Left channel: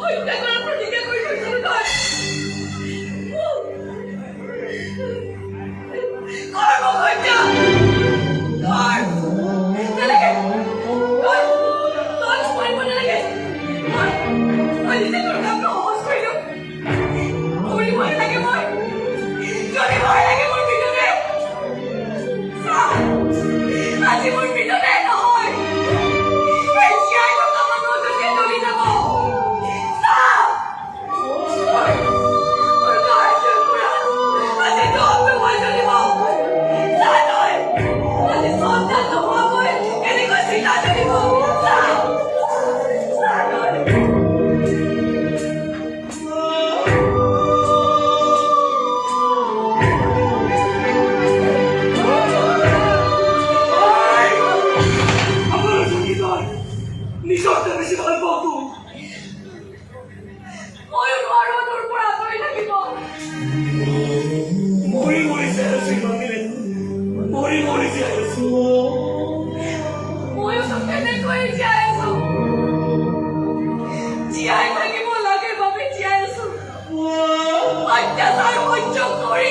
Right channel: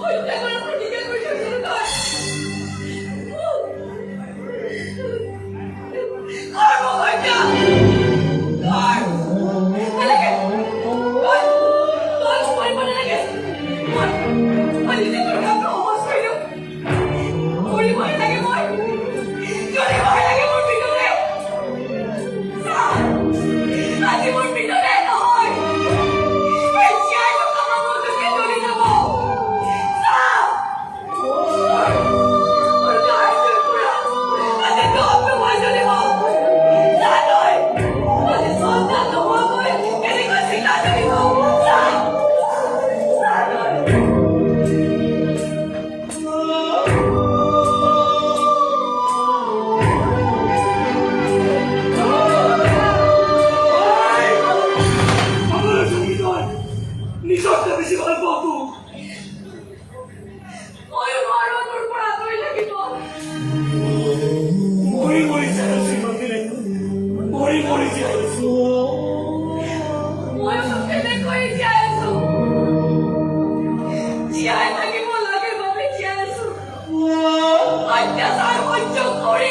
হত্যা কৰাৰ প্ৰতিজ্ঞা কৰি থৈছিলো তই কৰ্ম হত্যা নালাগে তই কৰিব নালাগে মই নিজে তোৰ কামটো সহজ কৰিলো কৰিবই লাগে মই কৰিবই লাগে মোৰ পিছতে আজি মোৰ পিছতে নহয় জীয়াই থকা মানুহজনকে তুলি যাব অত্যাচাৰ সহ্য কৰি